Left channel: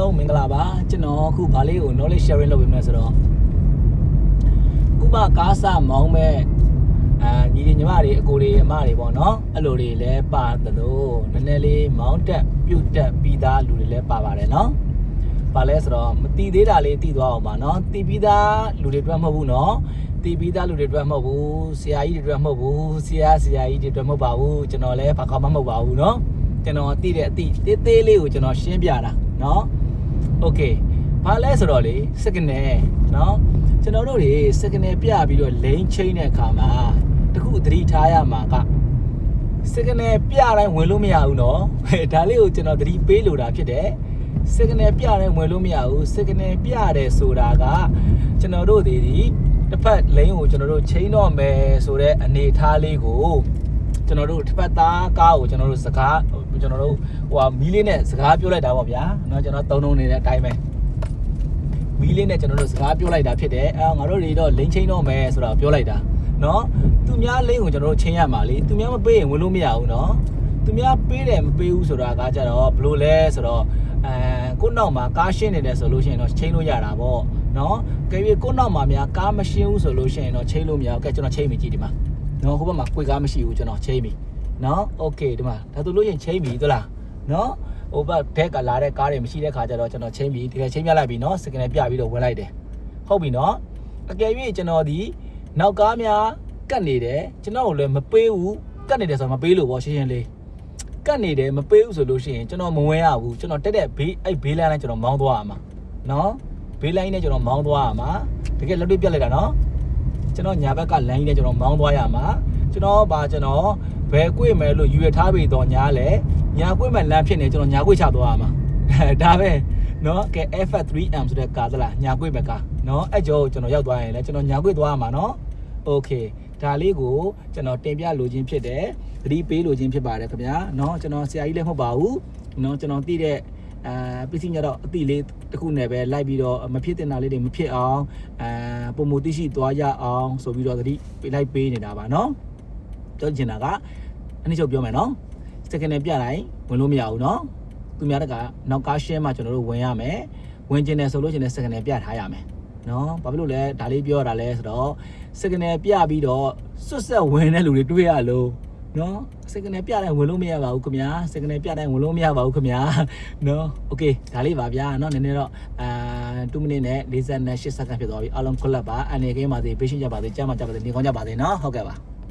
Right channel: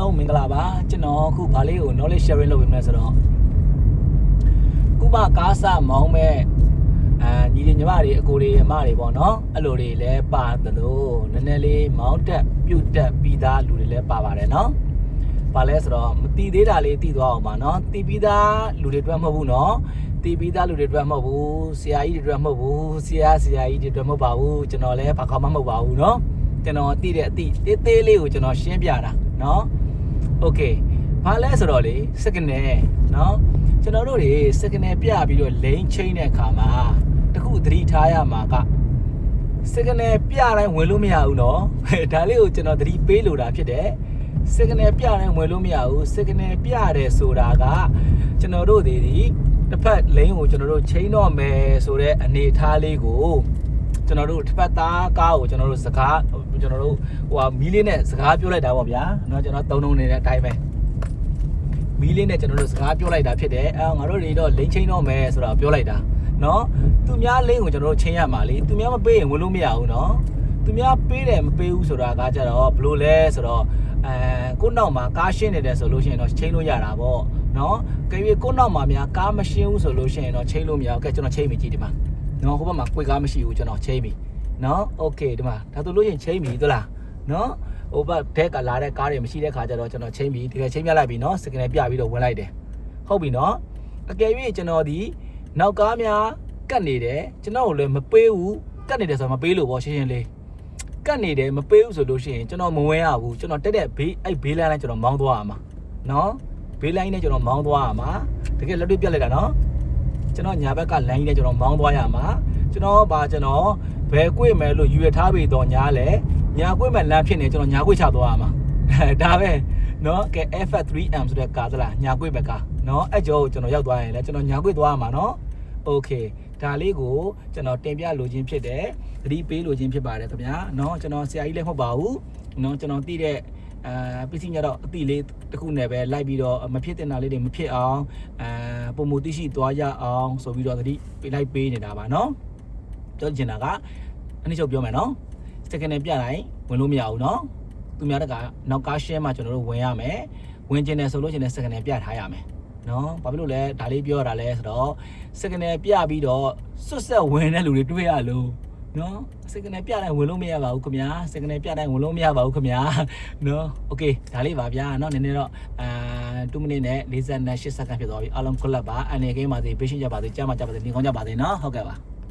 လုံးမင်္ဂလာပါကျွန်တော်အခုဗာလေးကို knowledge sharing လုပ်ပေးမယ်ဆိုတော့ဥပကားစမောင်းမဲ့ညီညီမတွေအကိုတွေအမတွေပေါ့နော်အဲ့လိုတွေလည်းပါတယ်လို့နည်းနည်းလေးမောင်းတက်ပြုတ်တက်ပြီးသားလူတွေလည်းပါပါတယ်နော်ဘာလဲဆိုတော့မတီးသေးတာလေးတီးသွားအောင်ပါနော်တီးပြီးသားလူတွေအတွက်မဟုတ်ဘူးနော်တီးပြီးသားလူတွေအတွက်မဟုတ်ဘူးဆရာကြီးတွေအတွက်မဟုတ်ဘူးဆရာကြီးတွေအတွက်မဟုတ်ပါဘူးကျွန်တော်လည်းဘာကောင်းမှမဟုတ်ပါဘူးနော်ကျွန်တော်သိတဲ့အသည့်သေးလေးကိုကျွန်တော်ရှင်းပြတာနော်โอเคဘာလဲဆိုတော့လေစက္ကနယ်နော်ကျွန်တော်တို့တွေစက္ကနယ်ပြပြီးတော့လိန်ချင်းတဲ့အခါမှာတခုသတိထားရမှာကစက္ကနယ်ပြတိုင်းဝင်လို့မရဘူးနော်ဒါလေးကိုကျွန်တော်သတိပေးလိုတာဖြစ်တယ်စက္ကနယ်ပြတိုင်းဝင်လို့မရဘူးစက္ကနယ်ပြတယ်ဆိုတာကကျွန်တော်တို့ဒီတစ်ဖက်လိန်ကိုကျွန်တော်တို့ချင်းတော့မယ်ဆိုတဲ့အနေအထားလေးကိုကျွန်တော်တို့တစ်ဖက်သားကားကိုကျွန်တော်တို့စကားကျွန်တော်တို့မီးလေးနဲ့စကားပြောလိုက်တာပေါ့ဗျာเนาะကျွန်တော်သုံးနေတဲ့အတိုင်းပဲမီးလေးနဲ့ကျွန်တော်တို့စကားပြောလိုက်တာဖြစ်တယ်ငါတို့တွေတော့လိန်ချင်းတော့မယ်ဆိုတော့ပြောလိုက်တာเนาะသူများလိန်ကိုကျွန်တော်တို့ချင်းရမှာလေသူများမပေးရင်ဝင်လို့မရဘူးเนาะသူများပေးတယ်မပေးဘူးဆိုတာကကြတော့ဘလို့လဲဆိုတော့ကိုနောက်မှာကားရှင်းနေတယ်ဆိုလို့ရှိရင်တော့ချင်းလို့ရတာပေါ့เนาะကြည့်ကိုနောက်မှာများကားမရှင်းဘူးဆိုလို့ရှိရင်တော့ချင်းလို့မရဘူးကဲကျွန်တော်ချင်းမိကြည့်ဒီမှာเนาะဟိုဘက်မှာကိုယ်ကားမရှိဘူးကျွန်တော်ချင်းမိနော်โอเคဒီမှာဒါဆိုလို့ရင်ချင်းပြီသလားနော်ဟိုဘက်ဘက်ကလာတဲ့ကားတွေမရှိတဲ့ခါကျတော့ကျွန်တော်ချင်းပြီတကယ်ချင်းပြလိုက်ပြီနော်စကန်နယ်ပြပြီးတော့ဝင်လိုက်တယ်ဟုတ်ပြီနော်အကယ်၍ကျွန်တော်ဒီနောက်ကားများကတ်နေတယ်ကျွန်တော်ကိုလည်းမပေးဘူးကတ်နေတယ်ဆိုတော့မပေးလို့ပေါ့ရှင်းရှင်းလေးကတ်နေတယ်မပေးဘူးဆိုလို့ရှိရင်ကျွန်တော်မဝင်ရဘူးကျွန်တော်တက်တဲ့ဘေးအဲ့ဘေးလိုင်းနဲ့ကျွန်တော်မောင်းသွားရမှာနော်ဘေးလိုင်းနဲ့ကျွန်တော်မောင်းသွားရမှာတကယ်လက်တွေ့ပြလိုက်တာနော်ကျွန်တော်ညာဘက်ကလိုင်းနဲ့ကျွန်တော်မောင်းသွားရမှာကျွန်တော်ဘယ်ကွေ့မယ်လို့ယူရထားပြီတော့ညာလဲညာကွေ့မယ်လမ်းဖြစ်နေကျွန်တော်ညာကွေ့ချသွားရမှာဒါပဲเนาะကဲ F3M ဆိုတဲ့ကားသလားညာကွေ့ပဲကားเนาะအဲ့ကြောကျွန်တော်ရောက်သွားရင်လဲကျွန်တော်ညာကွေ့သွားရမှာเนาะโอเคဒါလေးကိုကျွန်တော်တင်ပြလိုခြင်းဖြစ်တယ်သတိပေးလိုခြင်းဖြစ်ပါတယ်ခင်ဗျာเนาะကျွန်တော်ဆရာကြီးလည်းမဟုတ်ပါဘူးเนาะကျွန်တော်သိတဲ့ပစ္စည်းညတော့အတိလေးတစ်ခုနဲ့ပဲလိုက်ပြီးတော့မဖြစ်တင်တာလေးတွေမဖြစ်အောင်ပုံမသိရှိသွားရအောင်ဆိုပြီးတော့သတိလိုက်ပေးနေတာပါเนาะပြောချင်တာကအနည်းချုပ်ပြောမယ်နော်စက္ကနယ်ပြတိုင်းဝင်လို့မရဘူးနော်သူများတကနောက်ကားရှင်းမှကျွန်တော်တို့ဝင်ရမယ်ဝင်ကျင်တယ်ဆိုလို့ရှိရင်စက္ကနယ်ပြထားရမယ်နော်ဘာဖြစ်လို့လဲဒါလေးပြောရတာလဲဆိုတော့စက္ကနယ်ပြပြီးတော့စွတ်ဆက်ဝင်တဲ့လူတွေတွေ့ရလို့နော်စက္ကနယ်ပြတိုင်းဝင်လို့မရပါဘူးခင်ဗျာစက္ကနယ်ပြတိုင်းဝင်လို့မရပါဘူးခင်ဗျာနော်โอเคဒါလေးပါဗျာနော်နည်းနည်းတော့2မိနစ်နဲ့48စက္ကန့်ဖြစ်သွားပြီအားလုံးခွက်လက်ပါအနေကိန်းပါစေပေးရှင်းကြပါစေကြားမှာကြပါစေနေကောင်းကြပါစေနော်ဟုတ်ကဲ့ပါ